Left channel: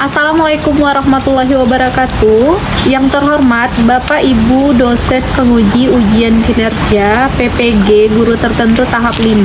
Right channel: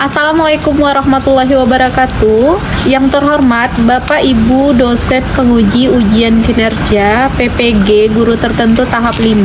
Assalamualaikum warahmatullahi wabarakatuh. Yang terhormat Bapak Ibu dosen penguji ujian kinerja PPG guru tertentu tahap 5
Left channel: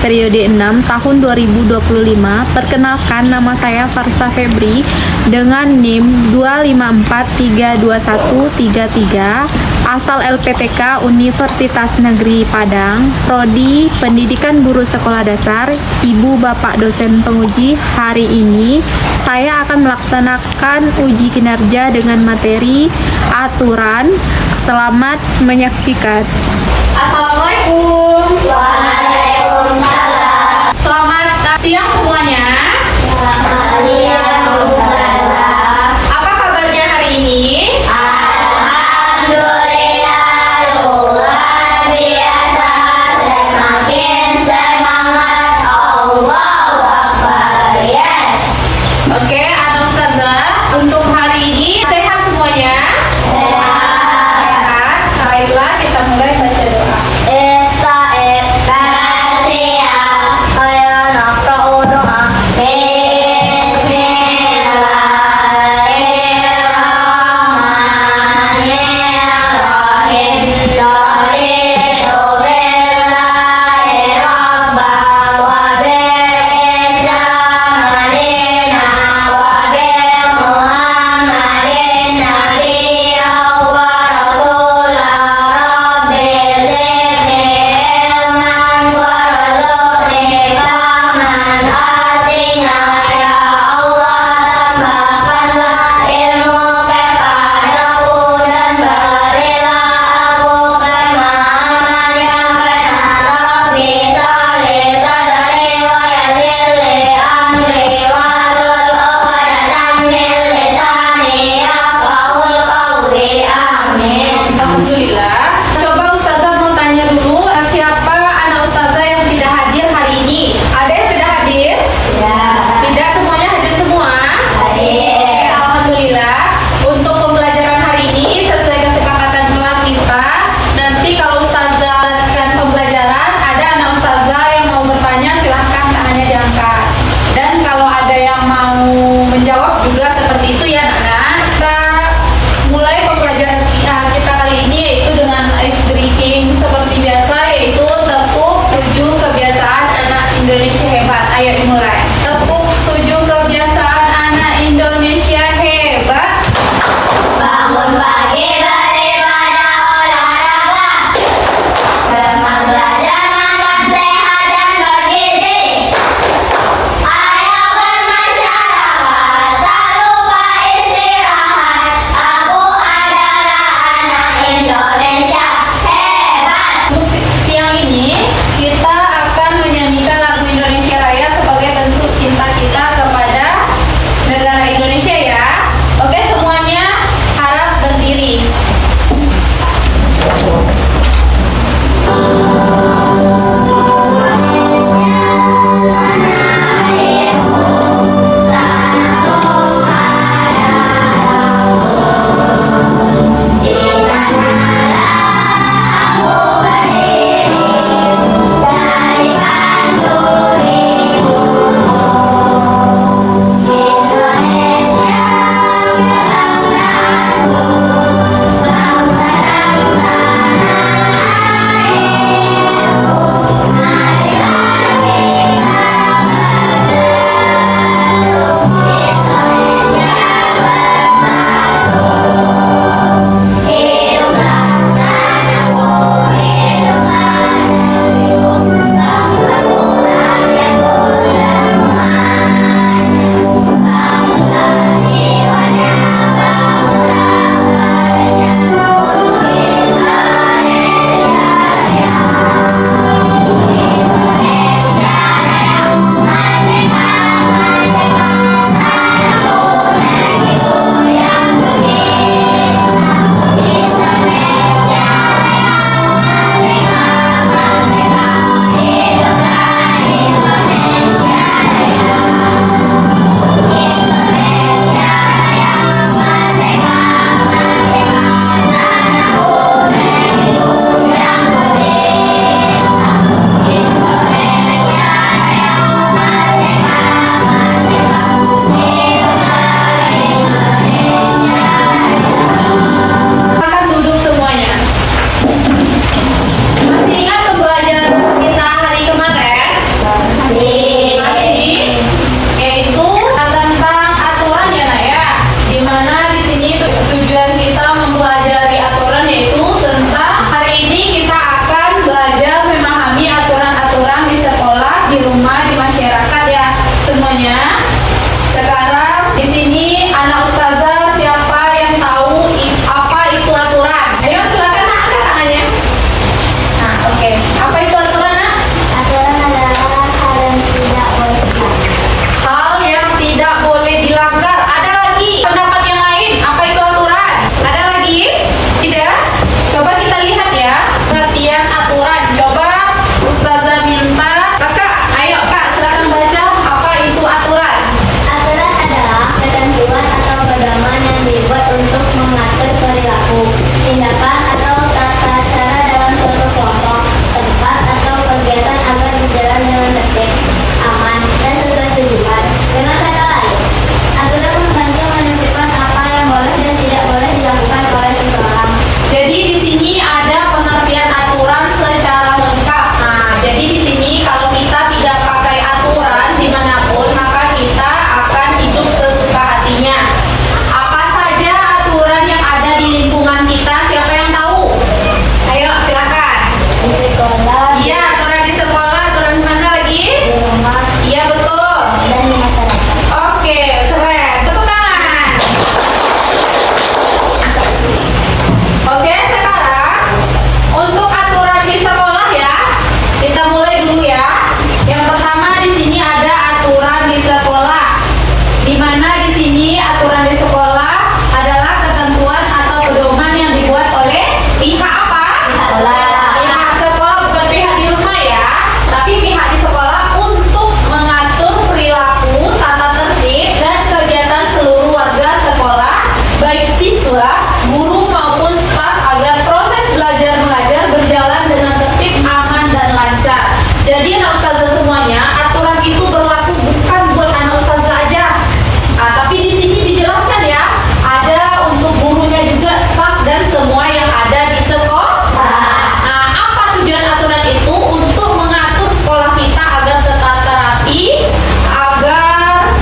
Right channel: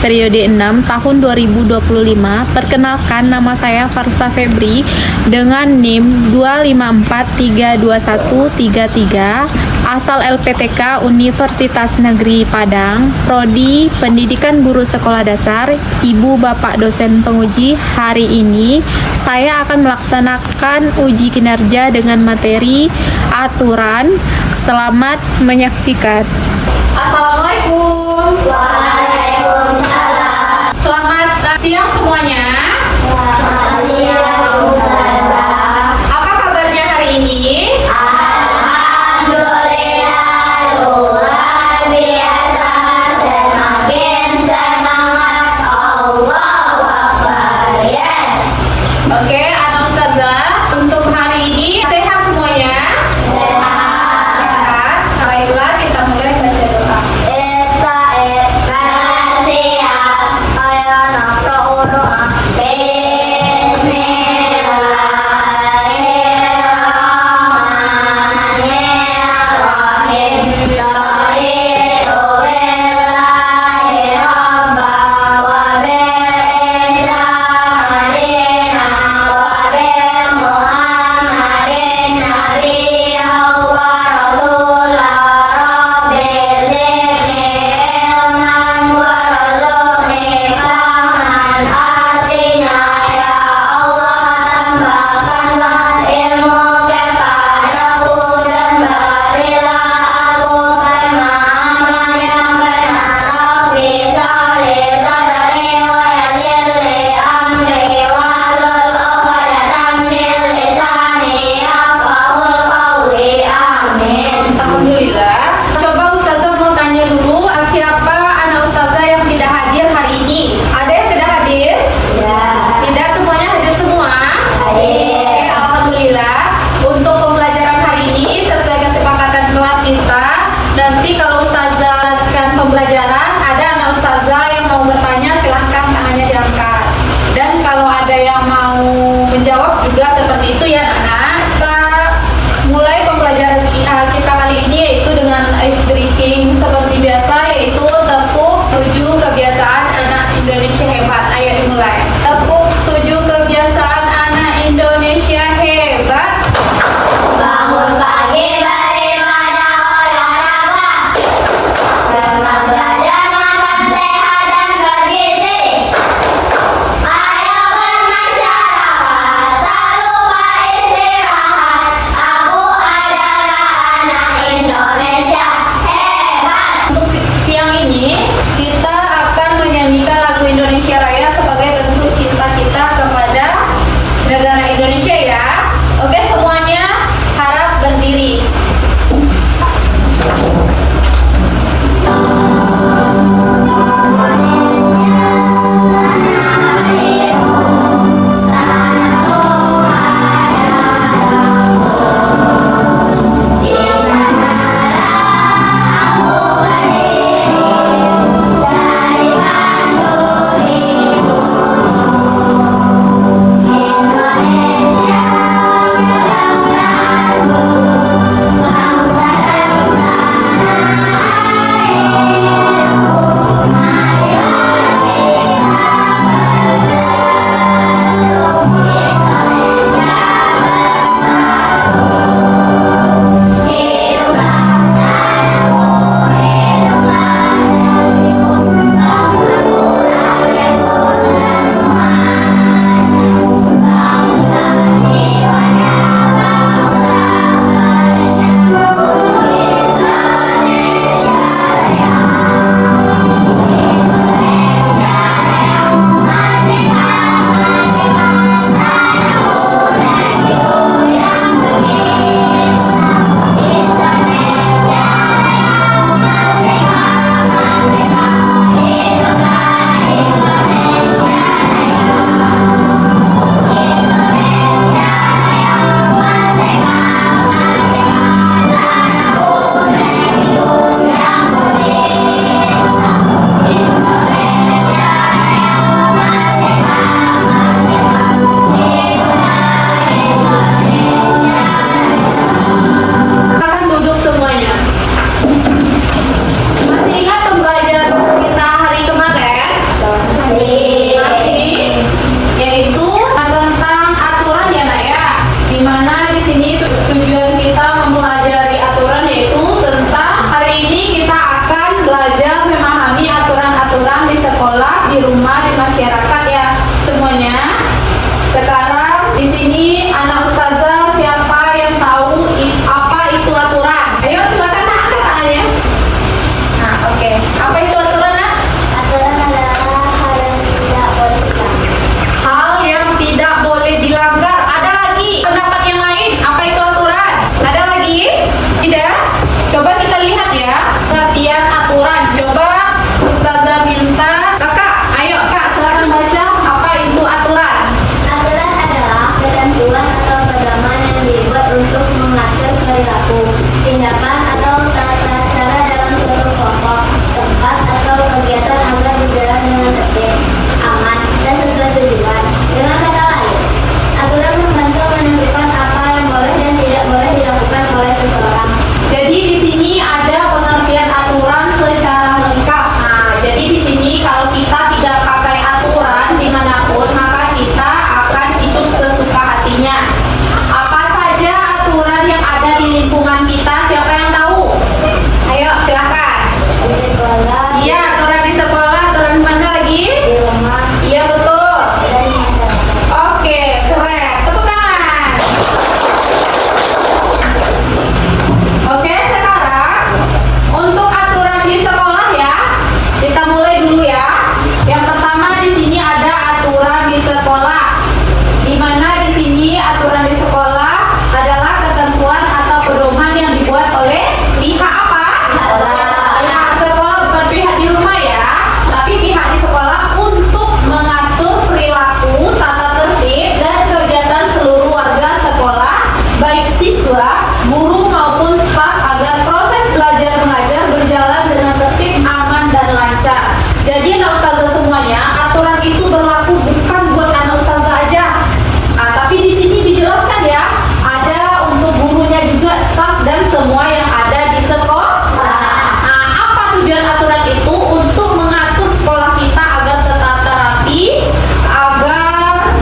periode 6 tahun 2025. Perkenalkan, nama saya Farsa Febri dengan NIM 254321333, asal LPTK Universitas Negeri Padang, Prodi Pendidikan Guru Sekolah Dasar. Ibu Bapak dosen penguji, hari ini saya akan melaksanakan uji kinerja dengan materi aturan. Selamat menyaksikan. Assalamualaikum. Waalaikumsalam. Selamat siang semuanya. Selamat siang, Ustazah. Apa kabarnya hari ini? Alhamdulillah, luar biasa. Semakin semangat. Allahu Akbar. Yes. Oke, Ana Ustazah, untuk hari ini sehat semuanya? Sehat. Sehat. Baiklah, kita mulai baca doa. Ista'id bersiap. Ayo naqra'u doa. Bismillahirrahmanirrahim. Raditu billahi rabban wa bil-Islam dinan wa bil Muhammadin nabiyyan wa rasulan. Rabbi zidni ilman warzuqni fahman. Artinya ya Allah, tambahkanlah ilmu kepadaku dan berilah aku pemahaman yang benar. Rabbi sholli sadri wa yassirli amri wahlul 'uqdatam min lisani yafqahul qawli. Amin. Alhamdulillah. Coba Ustazah mau tanya dulu, siapa anak Ustazah yang tidak hadir hari ini? Ada yang tidak hadir? Ya. Tidak, semuanya hadir semua? Hadir. Oke, alhamdulillah. Untuk pembelajaran hari ini sesuai kesepakatan kelas kita, nanti kalau Ustazah jelaskan pembelajaran, ada anak Ustazah yang mau bertanya, silahkan tangannya diangkat. Dan kalau ada yang mau menjawab juga seperti itu ya anak-anak. Kita mulai pembelajaran kita kali ini yaitu dengan ice breaking seperti biasa, yaitu tepuk 7 kebiasaan anak Indonesia hebat. Ayo dimulai. Tepuk 7 kebiasaan anak Indonesia hebat. Bangun pagi daripada olahraga, bermak belajar makan sehat dan bergizi. Ayo bermasyarakat, tak lupa istirahat. Di sini anak ustazah siapa yang tahu apa itu aturan? Ayo silakan nak, angkat tangannya. Nah, oke. Apa itu aturan, nak? Aturan adalah hal yang tidak boleh dilanggar. Hal yang tidak boleh dilanggar. Ada lagi pendapat yang lain. Apa itu aturan? Ada lagi? Tidak? Coba kita lihat ya. Pengertian aturan. Coba ustazah minta. Kakak, ayo kak, silakan baca apa itu aturan. Aturan adalah ketentuan atau pedoman yang dibuat untuk mengatur perilaku, tindakan atau tata cara dalam suatu kelompok, tempat atau kegiatan agar berjalan dengan tertib, aman, dan sesuai tujuan. Dengan kata lain, aturan membantu menentukan apa yang boleh dan tidak boleh dilakukan oleh seseorang. Jadi di sini ada pengertian aturan secara lengkap. Nah, jadi di sini kalau kita tidak pakai aturan dimanapun, maka kita akan hidup sesuka hatinya. Apa saja aturan yang ada di lingkungan kita? Siapa yang tahu? Ayo, silakan. Di sekolah, Iya, aturan di sekolah, aturan di mana lagi? di rumah, Iya, betul. dan di masyarakat. Oke, keren. Tepuk tangan. Oke, sekarang untuk aturan di sekolah ya, kita mulai dulu ya. Yang pertama di sini ada aturan di sekolah. Di mana di sini aturan di sekolah adalah ketentuan atau pedoman yang dibuat oleh pihak apa? Pihak sekolah, bukan pihak di rumah ya, tapi pihak di sekolah untuk mengatur perilaku, tata tertib, dan kegiatan seluruh warga sekolah, baik siswa, guru maupun staf agar proses belajar mengajar berjalan dengan tertib, aman, dan lancar. Jadi anak ustazah semuanya, aturan itu berlaku bukan buat anak ustazah aja. Nah, tapi di sini dijelaskan ya, ada untuk gurunya juga, staf, dan semua yang ada di sekolah. Nah, apa tujuan aturan itu? Untuk mengatur sekolah kita agar tertata rapi, agar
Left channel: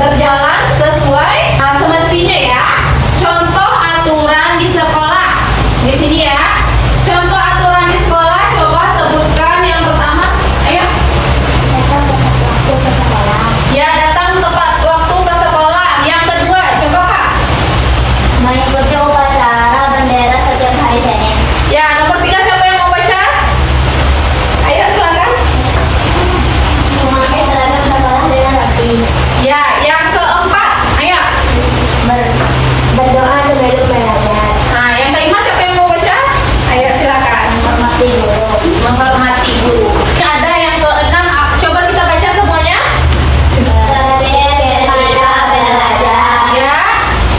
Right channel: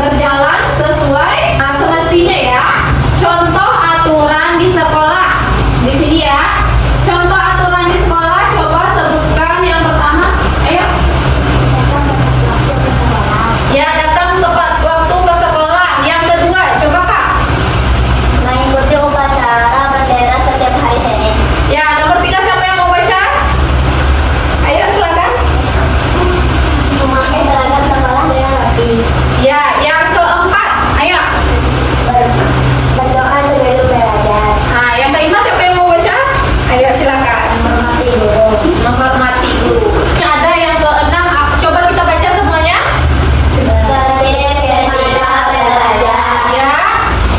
berjalan sesuai semestinya ya. Contoh aturan di sekolah. Di sini ya. Contoh aturan di sekolah, coba sebutkan yang pertama. Ayo. Datang tepat waktu ke sekolah, Ya, datang tepat waktu ke sekolah. Yang kedua, coba Kak. mengikuti upacara bendera setiap hari Senin, Ya, nomor 3 siapa yang mau baca? Ayo silakan. memakai seragam sekolah dengan rapi, Ya, yang keempat. Ayo. berdoa sebelum belajar, Nah, yang kelima siapa yang mau baca? Ayo silakan. menghormati guru, Menghormati guru. Ini ada yang keenam. Coba kita baca semuanya. tertib ketika belajar, Ya,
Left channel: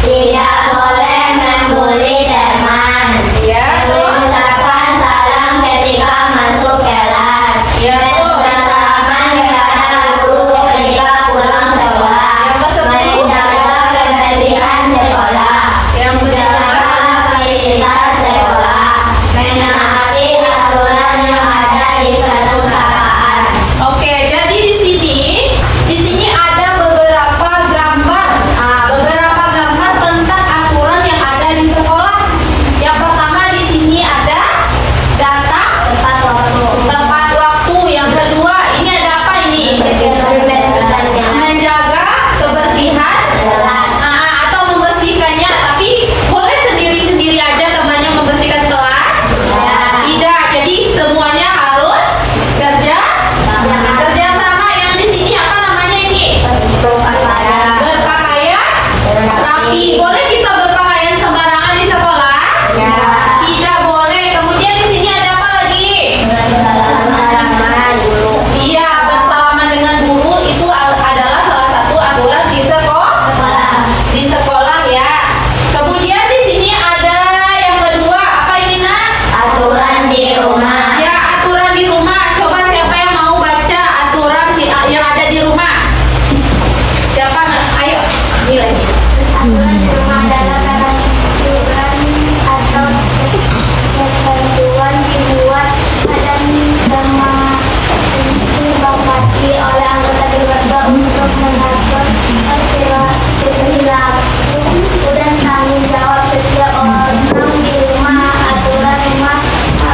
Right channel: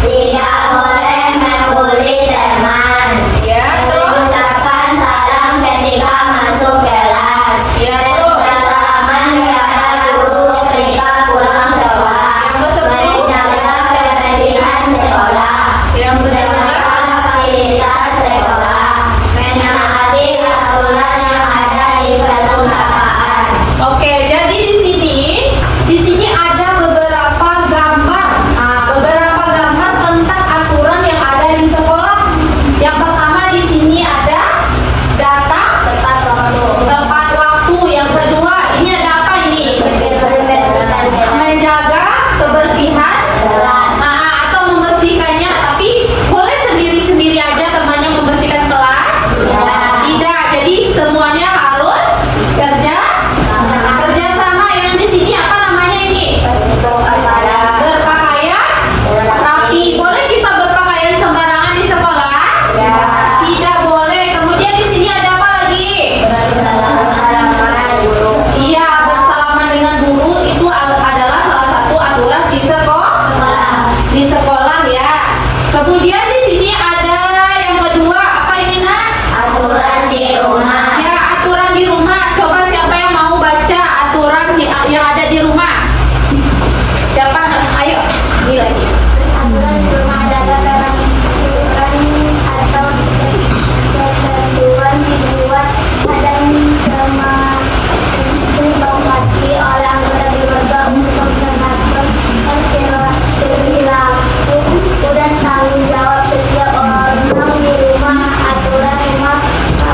tidak boleh membuli teman, ya, terus. mengucapkan salam ketika masuk kelas, Ya, terus. bersalaman kepada guru ketika pulang sekolah, Yang ke-10. menjaga kebersihan sekolah, Yang menjaga ke-11. fasilitas sekolah, menaati aturan yang ada di perusahaan. Oke, jadi di sini ada beberapa gambar. Nah, beberapa gambar tentang aturan yang ada di sekolah. Yang pertama di sini ada data Tepat waktu, tempat waktu. Yang kedua, ini ada apa ini? Menjaga kebersihan. Nah, atau membersihkannya, tapi boleh sendiri-sendiri aja temannya membersihkan kelas. Tidak, jadi semuanya harus kerja sama. Yang di sini apa namanya ini? Berpakaian rapi. Boleh kita berpakaian sembarangan di sekolah? Tidak boleh. Kemudian di sini ada apa lagi? Iya, bersalaman dengan guru itu adalah salah satu aturan di sekolah. Di sekolah ya. Kemudian di sini ada yang kedua, apa ini nak? Aturan di rumah, Ya, aturan di rumah. Coba siapa yang mau baca aturan yang ada di rumah? Siapa? Ayo. Ini lagi. aturan di rumah adalah peraturan atau ketentuan dibuat dan disepakati oleh anggota keluarga untuk mengatur perilaku dan tanggung jawab setiap orang di rumah. Aturan rumah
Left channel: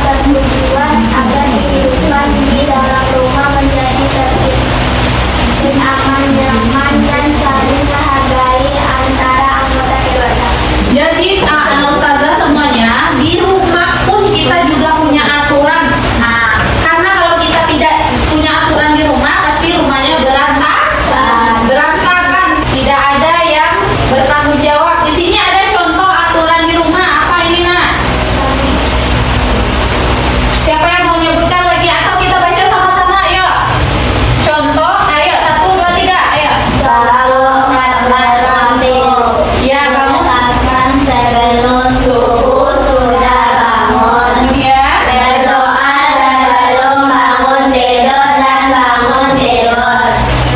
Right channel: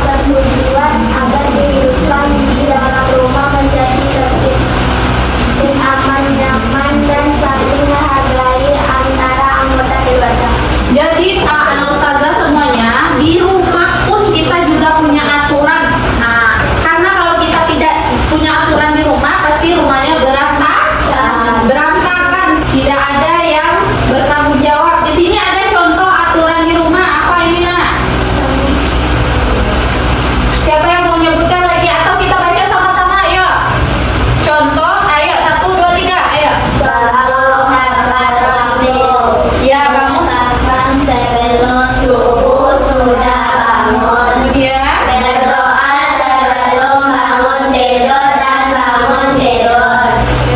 bertujuan agar kehidupan di dalam rumah menjadi tertib dan aman, nyaman, dan saling menghargai. tanggung jawab. Di sini ada contoh aturan di rumah. Apa ini, Nak? Siapa yang mau nyebutkan lagi atau kita baca sama-sama? Ayo. Contoh, ayo 1, 2, 3, ayo. Ya, kamu. Sebelum subuh sudah bangun. Ya. Berdoa sebelum bangun tidur dan bangun tidur.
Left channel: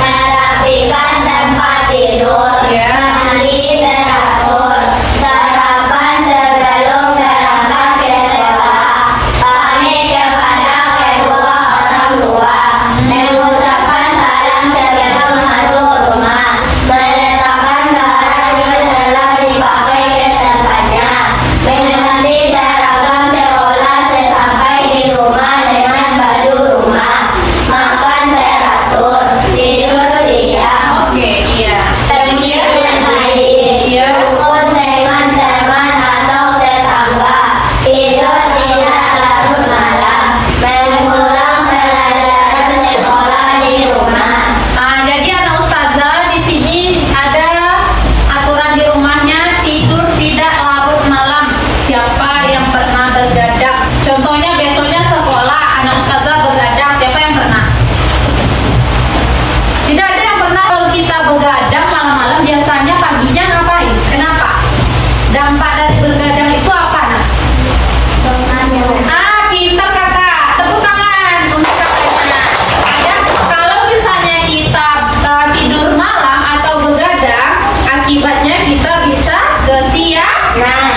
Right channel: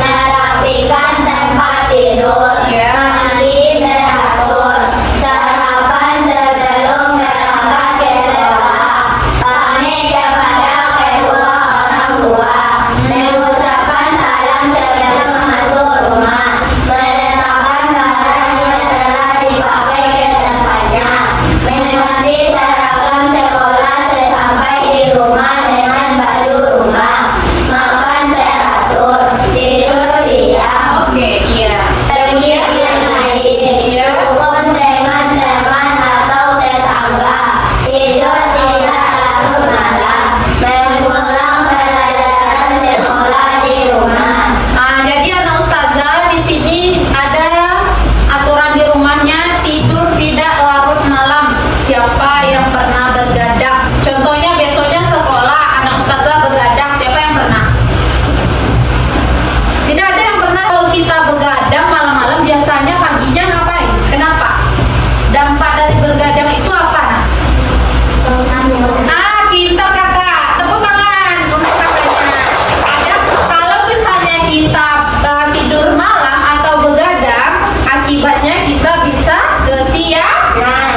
Merapikan tempat tidur. Ya. Mandi teratur. Sarapan sebelum berangkat ke sekolah. Pamit kepada kedua orang tua. Mengucapkan salam sebelum masuk rumah. Meletakkan barang yang telah dipakai ke tempatnya. Mengganti seragam sekolah sesampai di rumah dengan baju rumah. Makan teratur. Tidur siang. Oke, iya. Pergi mengaji. Iya. Rukun dengan teman atau tetangga. Tidur tidak larut malam. Mengulang pelajaran sekolah di rumah. Jadi anak ustazah di sini ada aturan di rumahnya tidur tidak larut malam. Siapa yang pernah bergadang? Contohnya besoknya sekolah anak ustazah bergadang. Siapa yang pernah? Tidak ada yang pernah. Kalau kita begadang malam-malam biasanya paginya ngapain? Kenapa? Dampak dari bergadang itu apa, Nak? Pintar kakak. Tepuk tangan untuk kakaknya. Kalau misalnya kita tidur malam atau begadang, akibatnya kita bisa kesiangan.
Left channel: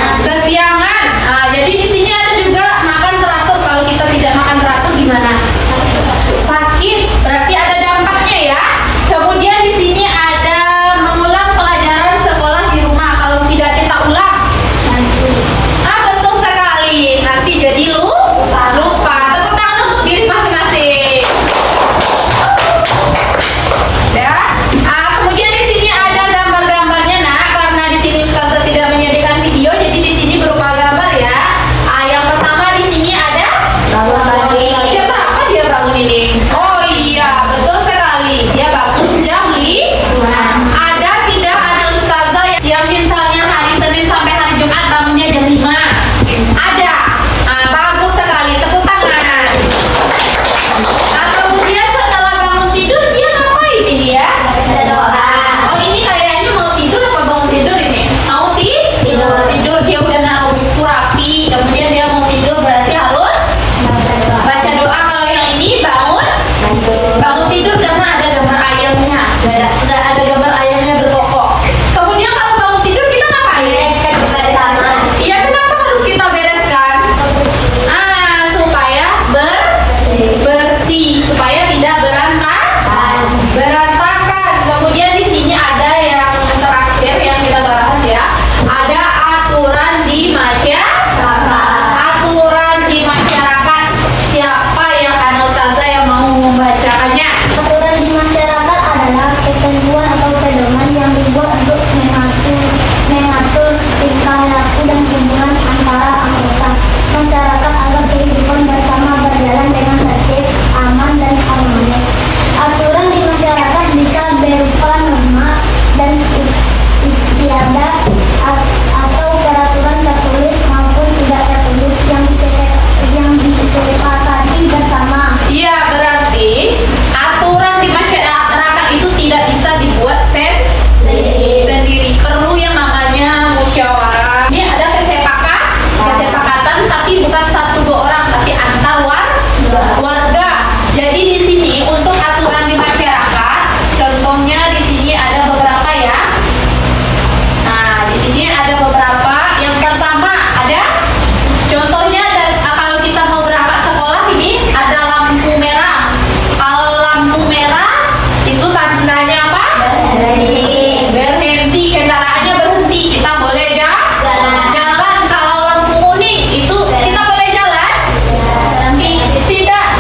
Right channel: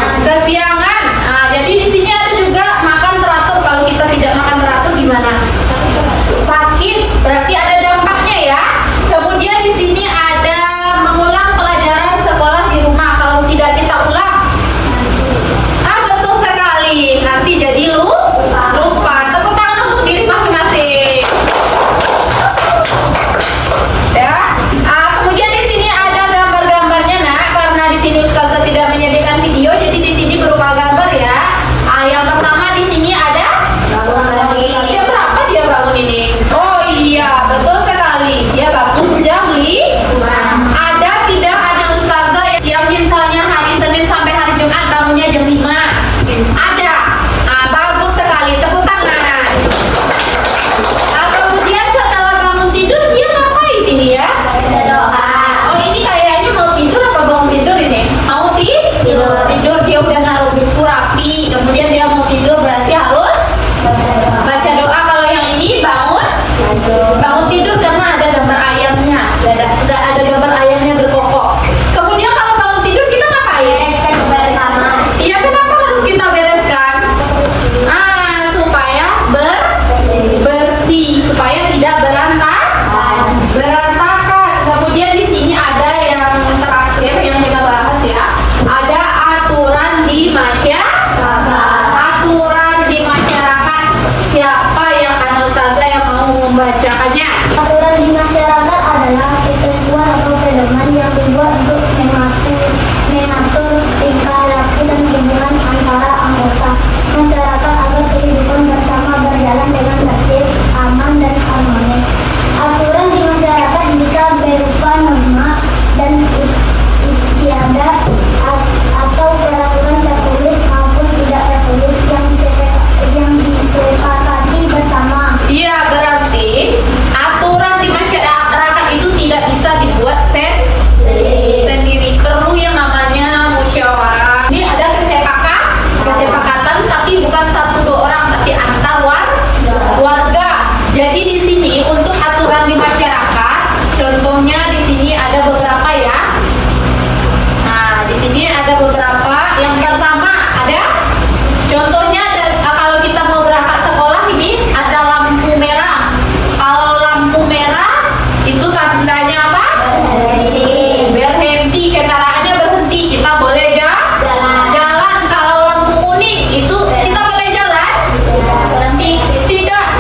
Jadi di sini ada juga makan teratur. Kalau kita tidak makan teratur gimana? Sakit. Berarti ada dampaknya ya. Kemudian di sini ada mengulang pelajaran sekolah di rumah. Kalau tidak kita ulang, betul sekali. Nanti jadi lupa. Tepuk tangan untuk diri masing-masing. Ya. Kemudian di sini ada gambar-gambarnya, Nak. Karena di sini ustazah tidak menyediakan video, jadi di sini berupa gambar ya. Yang pertama di sini ada jam berapa dia bangun ini? Oh iya, betul sekali. Dia bangun jam 5. Ada tidak ada ustazah yang misalnya hari Senin sampai hari Jumat bangunnya jam 5? Ada. Bagus sekali. Tepuk tangan. Kemudian setelah bangun tidur dia ngapain ini ya? Berdoa. Oh, ini kayaknya mau tidur apa bangun tidur ini? Mau tidur. Dia udah naruh buku rapi. Kemudian dia mau tidur berarti harus baca doa. Kalau yang ini bangun tidur karena ada gambar ayamnya. Nggak ada gambar ayamnya berkokok. Kemudian kalau bangun tidur kita ngapain? Iya, kenapa harus kita bereskan? Supaya bersih, supaya tidak berantakan. Kemudian di sini ada yang terakhir yang kita bahas ya. Ada aturan di masyarakat. Siapa yang anak ustazah yang mau membacakannya? Aturan di masyarakat adalah ketentuan atau pedoman yang dibuat untuk mengatur tingkah laku dan hubungan antara anggota masyarakat agar kehidupan bersama berjalan dengan tertib, aman, dan harmonis. Aturan di masyarakat bisa berupa norma dan istiadat atau peraturan tertulis maupun tidak tertulis yang disepakati bersama. Iya, berarti aturan di masyarakat itu tidak bisa dibuat sendiri. Perlu yang namanya musyawarah. Ini ada kesepakatan, tapi bukan 1-2 orang, tapi antar warga. Jadi di sini untuk aturan di masyarakat, contohnya di sini ada beberapa ya. Di sini ada beberapa. Yang pertama ada contohnya kalau kita mau berangkat sekolah ini ada lampu merah. Kalau lampu merah itu tandanya apa? Berhenti. Kendaraannya berhenti. Kita boleh jalan. Kalau lampu kuning itu kita boleh jalan?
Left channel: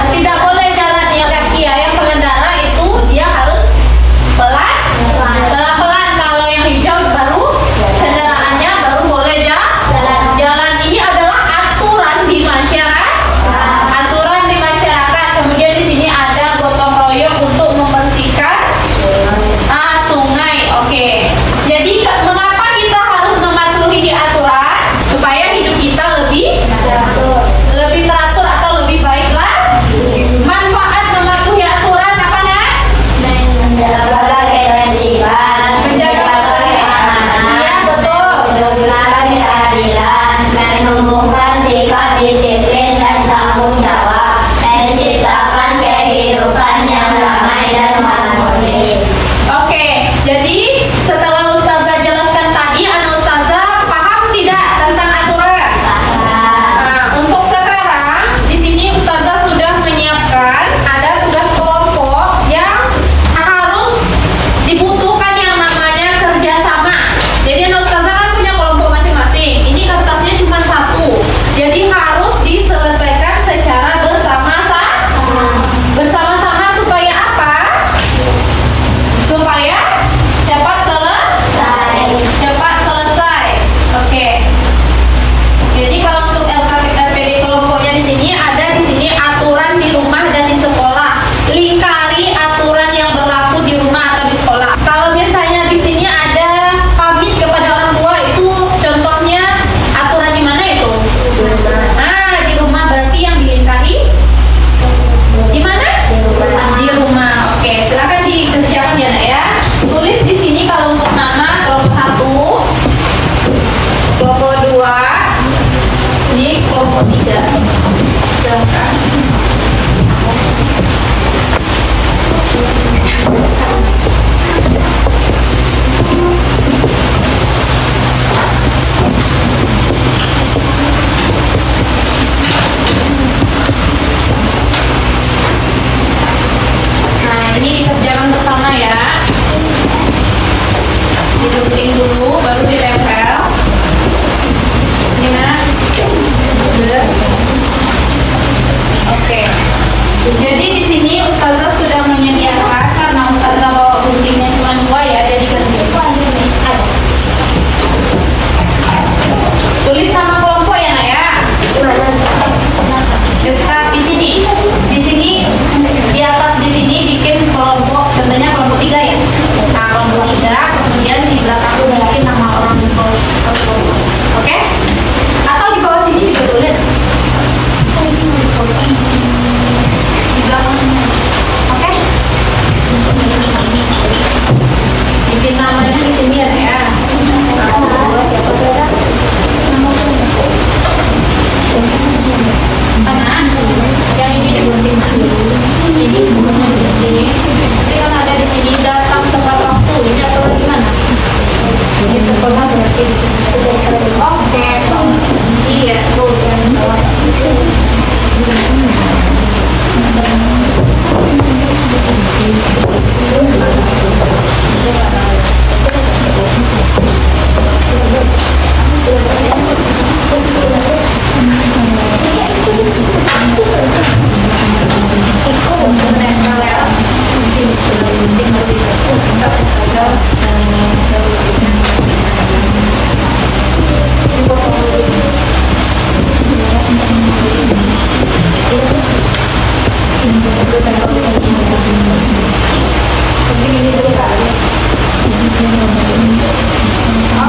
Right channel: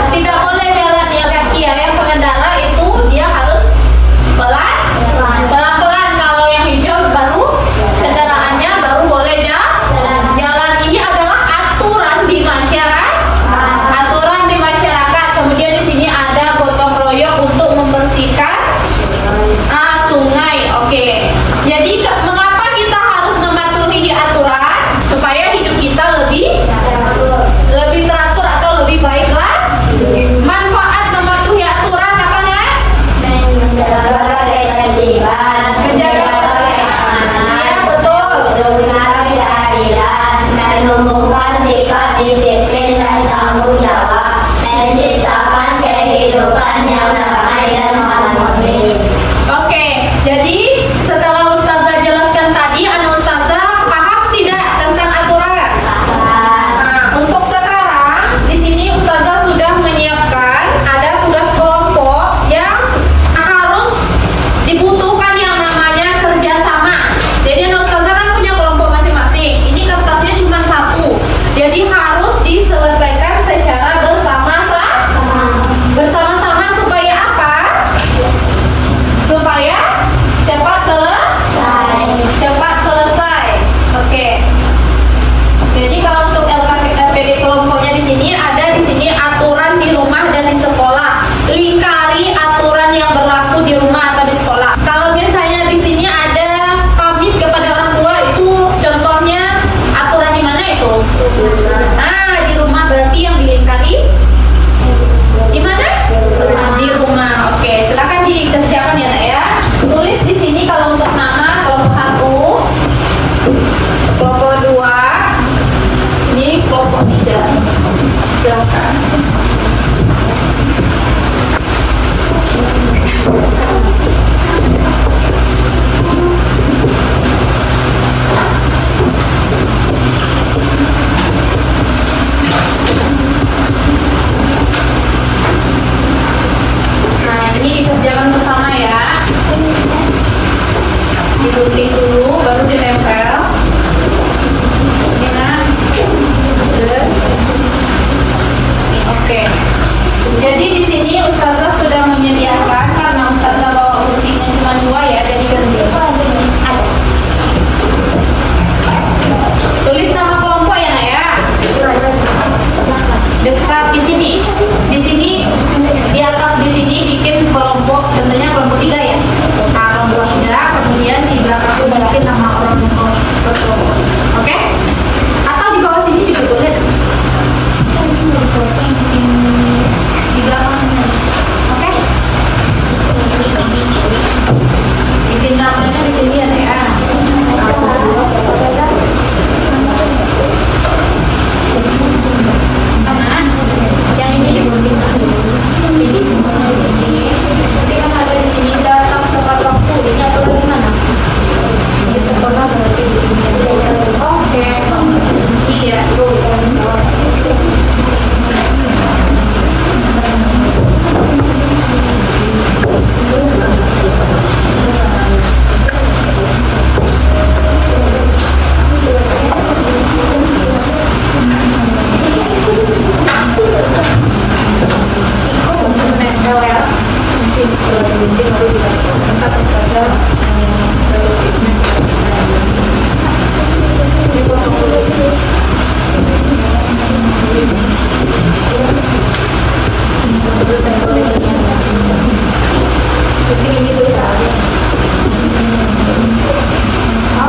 Tidak boleh jalan ya kaki ya. Yang pengendara itu dia harus pelan-pelan. Kalau yang hijau baru kendaraannya baru Oke. Iya. Menempel ya. Mungkin gunting baru kita saja dipotong dulu. Dulu tempel di sini. Mungkin ini dulu kali.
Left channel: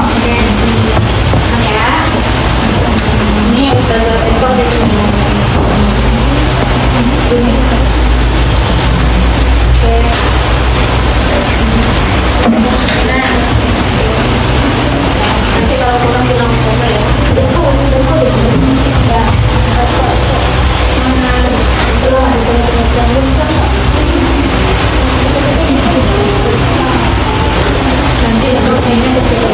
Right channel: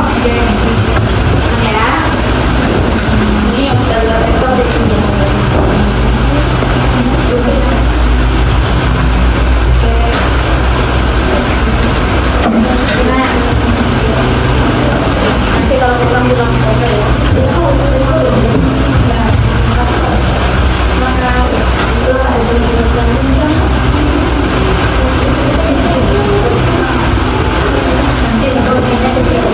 Oke. Ya. Ini sudah tempel di sini. Nanti kalau pulang bilang apa ya? Nanti untuk ini ke situ.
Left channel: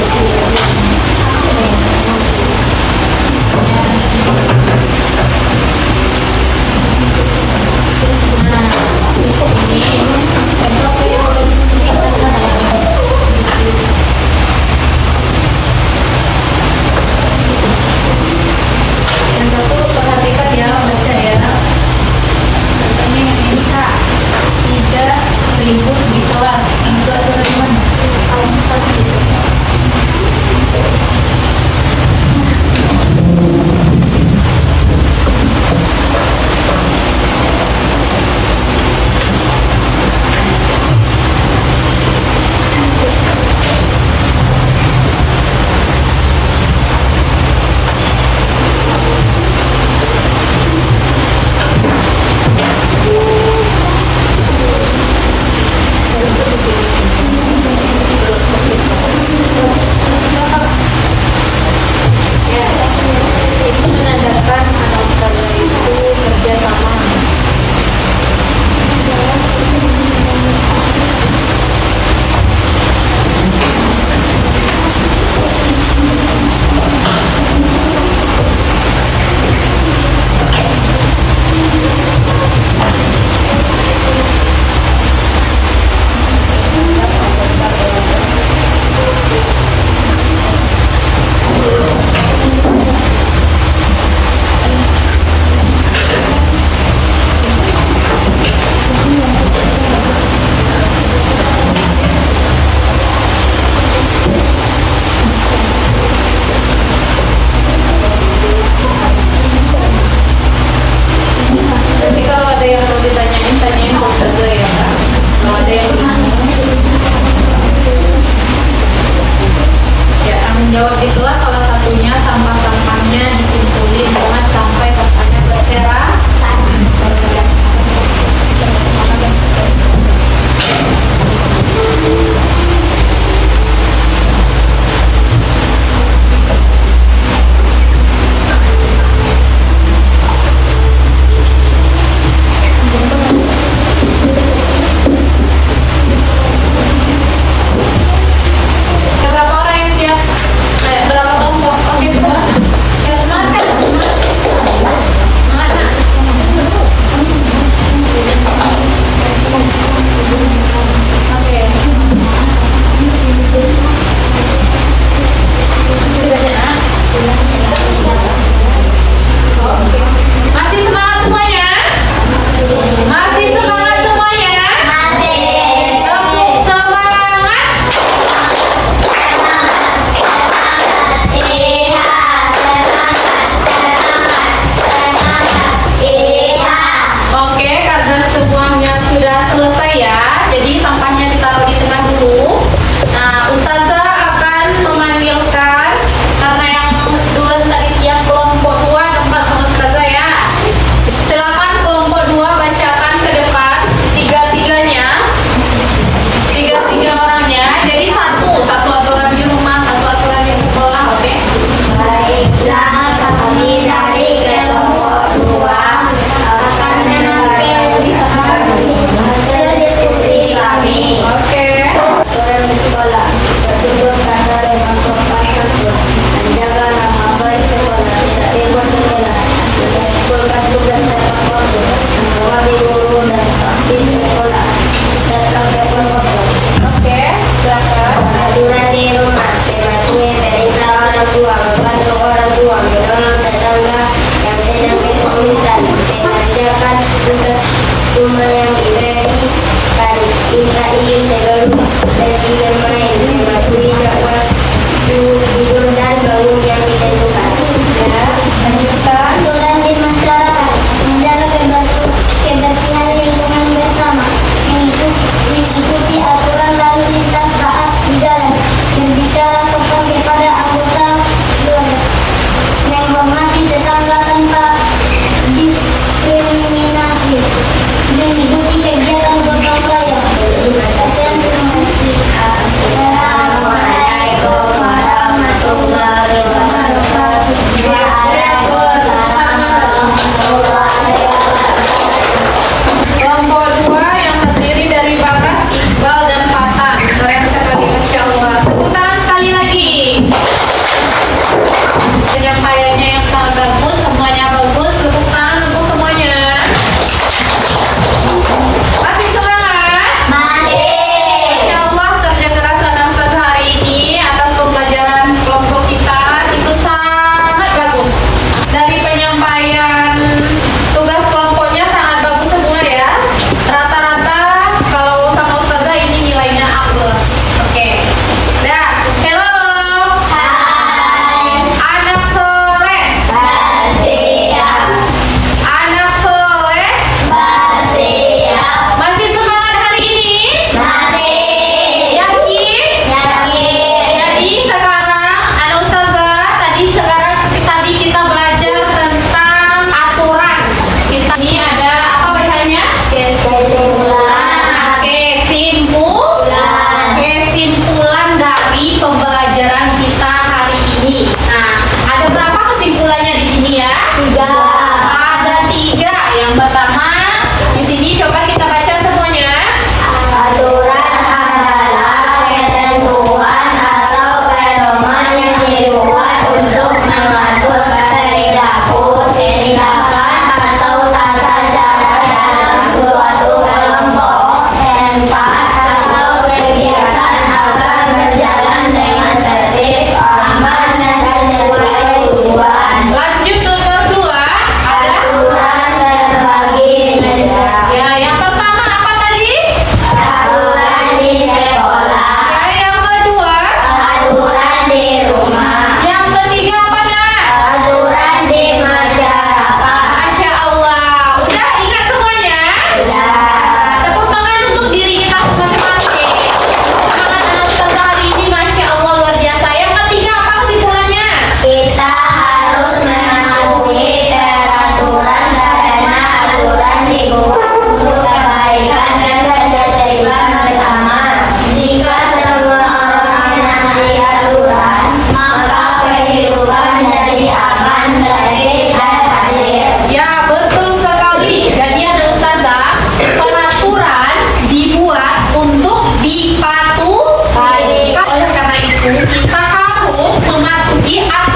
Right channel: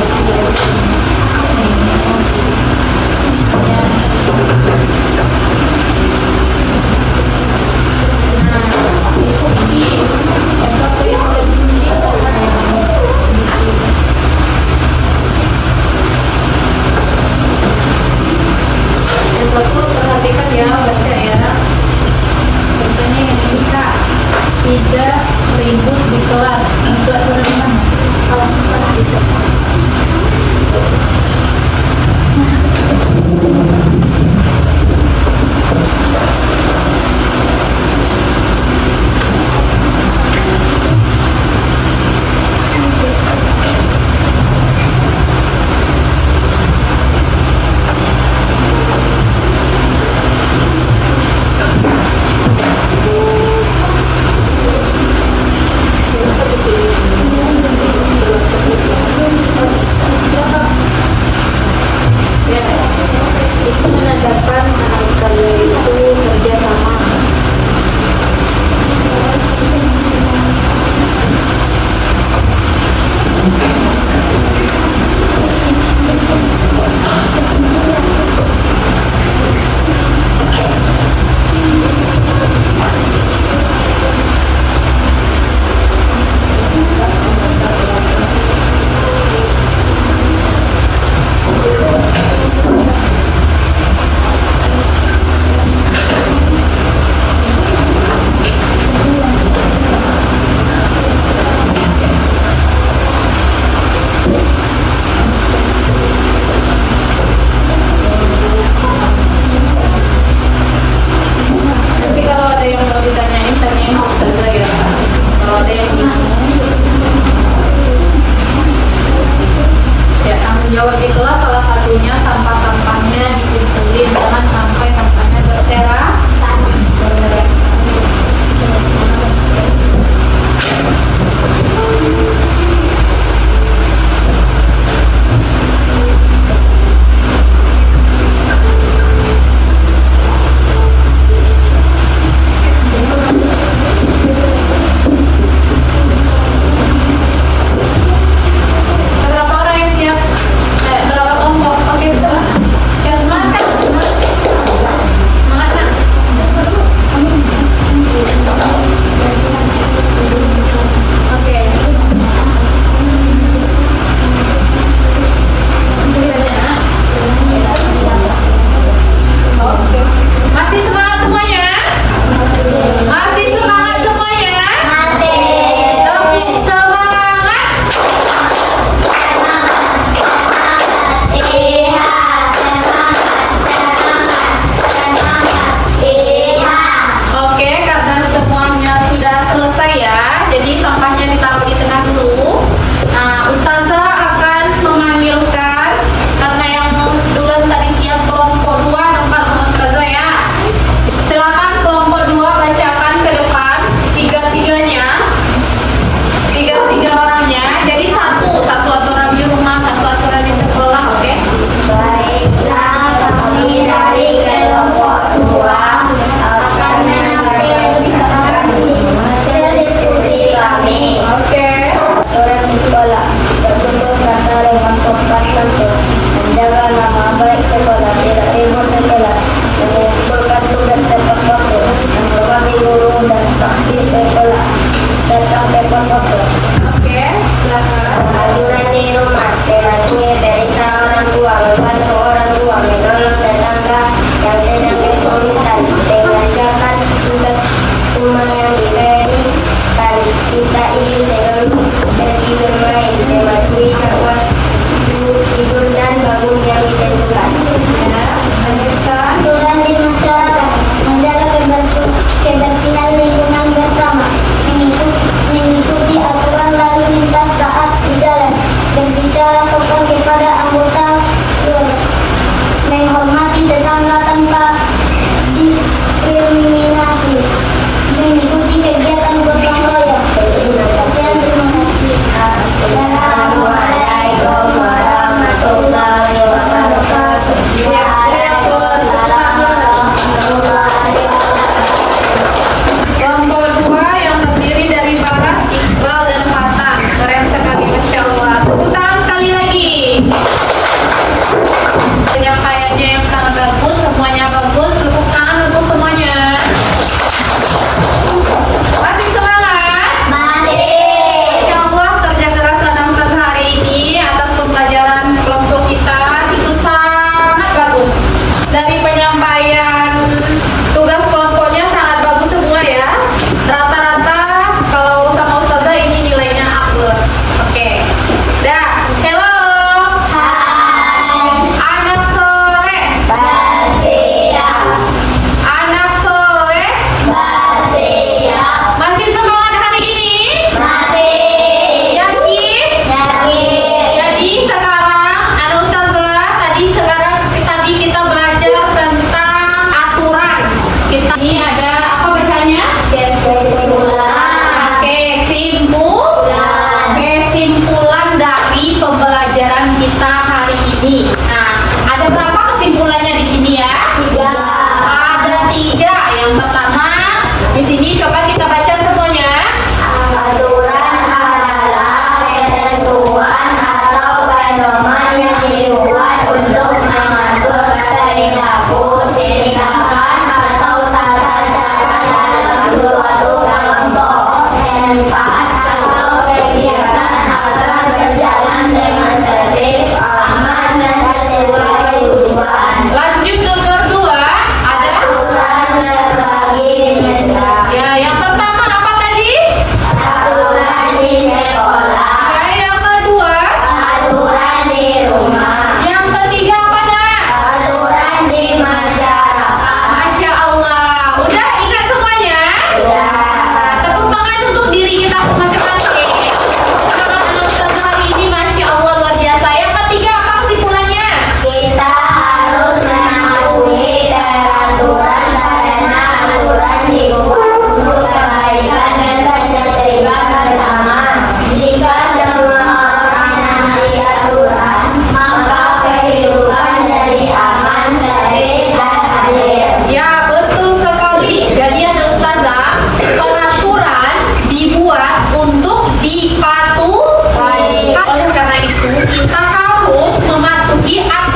Yang satu perhatikan ya, baca ya. Contohnya yang ini Kak, tidak ribut di kelas. Buat teman-teman kalau seperti itu. Itu menandakan anak sekalian itu kerja sama. Tapi kalau ada yang mau ditanyain, tanyain ke Ustazah ya. Kalau ada yang bingung, ya tanggung jawab di kelas salah satunya sampah-sampahnya dikumpulin, jangan sampai sampahnya berserakan. Berapa orang yang siap? Berapa mengumpulkan tugas tepat waktu, menemani guru dan staf di sekolah, datang tepat waktu. Oke, silakan. Aturan di rumah, mematuhi perintah orang tua, membantu orang tua, menolong tetangga yang sedang kesulitan, mengerjakan tugas rumah yang diberikan. Kita ingin selalu pergi bermain, mematuhi jadwal tidur dan bangun yang ditentukan. Ya, lanjutkan. Aturan di masyarakat, menjaga kebersihan lingkungan bersama, mengikuti aturan lalu lintas saat berjalan, berbicara sopan kepada anggota, menghormati tetangga tanpa diskriminasi, mengikuti kegiatan gotong royong. Assalamualaikum warahmatullahi wabarakatuh. Kelompok 2 yang terdiri dari Baras, Iqbal, dan Fatan. Keren sekali, Masya Allah. Tepuk tangan sekali lagi. Penyampaiannya yang sangat bagus, semuanya bagus. Tepuk tangan untuk semuanya. Masih semangat? Masya Allah, kerja keras anak Ustaz hari ini atas pembelajaran kelompok kita itu sangat bagus. Dari penyampaian tugas kelompoknya sangat bagus semua ya. Rata-rata kalau sama Ustazah ini nilainya A+. Oke. Dah, hello. Hai. Anak soleh. Bersiap, Anak soleh. bersiap, Masih semangat hari ini? masih Yakin? yakin. Jadi sekarang Anak Ustazah tadi kita belajar tentang aturan. Kita ini ada apa bacanya? Kesimpulan, Kesimpulan dari pembelajaran kita hari ini. Nah, ada berapa kesimpulannya di sini ya? 3. Ada 3. Yang pertama, di sini coba kita baca semuanya. Aturan adalah ketentuan atau pedoman yang dibuat untuk mengatur perilaku, tindakan atau tata cara dalam suatu kelompok, tempat atau kegiatan agar berjalan dengan tertib, aman dan sesuai tujuan. Lanjut nomor 2, ada Aturan berbagi nilai. ya yang pertama apa tadi? Aturan di sekolah, Ya yang kedua, aturan di rumah, yang ketiga apa nak? aturan di masyarakat. Masya Allah, udah ingat semuanya? Nah, tepuk tangan untuk diri kita masing-masing. Semangat anak Ustazah hari ini, Masya Allah luar biasa. Yang ketiga apa kesimpulannya? Kita harus mematuhi peraturan karena aturan dibuat untuk kebaikan dan ketertiban bersama. Jika semua orang menaati aturan, maka kehidupan jadi aman, tertib, dan adil. Ya betul sekali. Jadi anak Ustazah, peraturan dibuat untuk dipatuhi. Oleh karena itu kita harus mematuhi aturan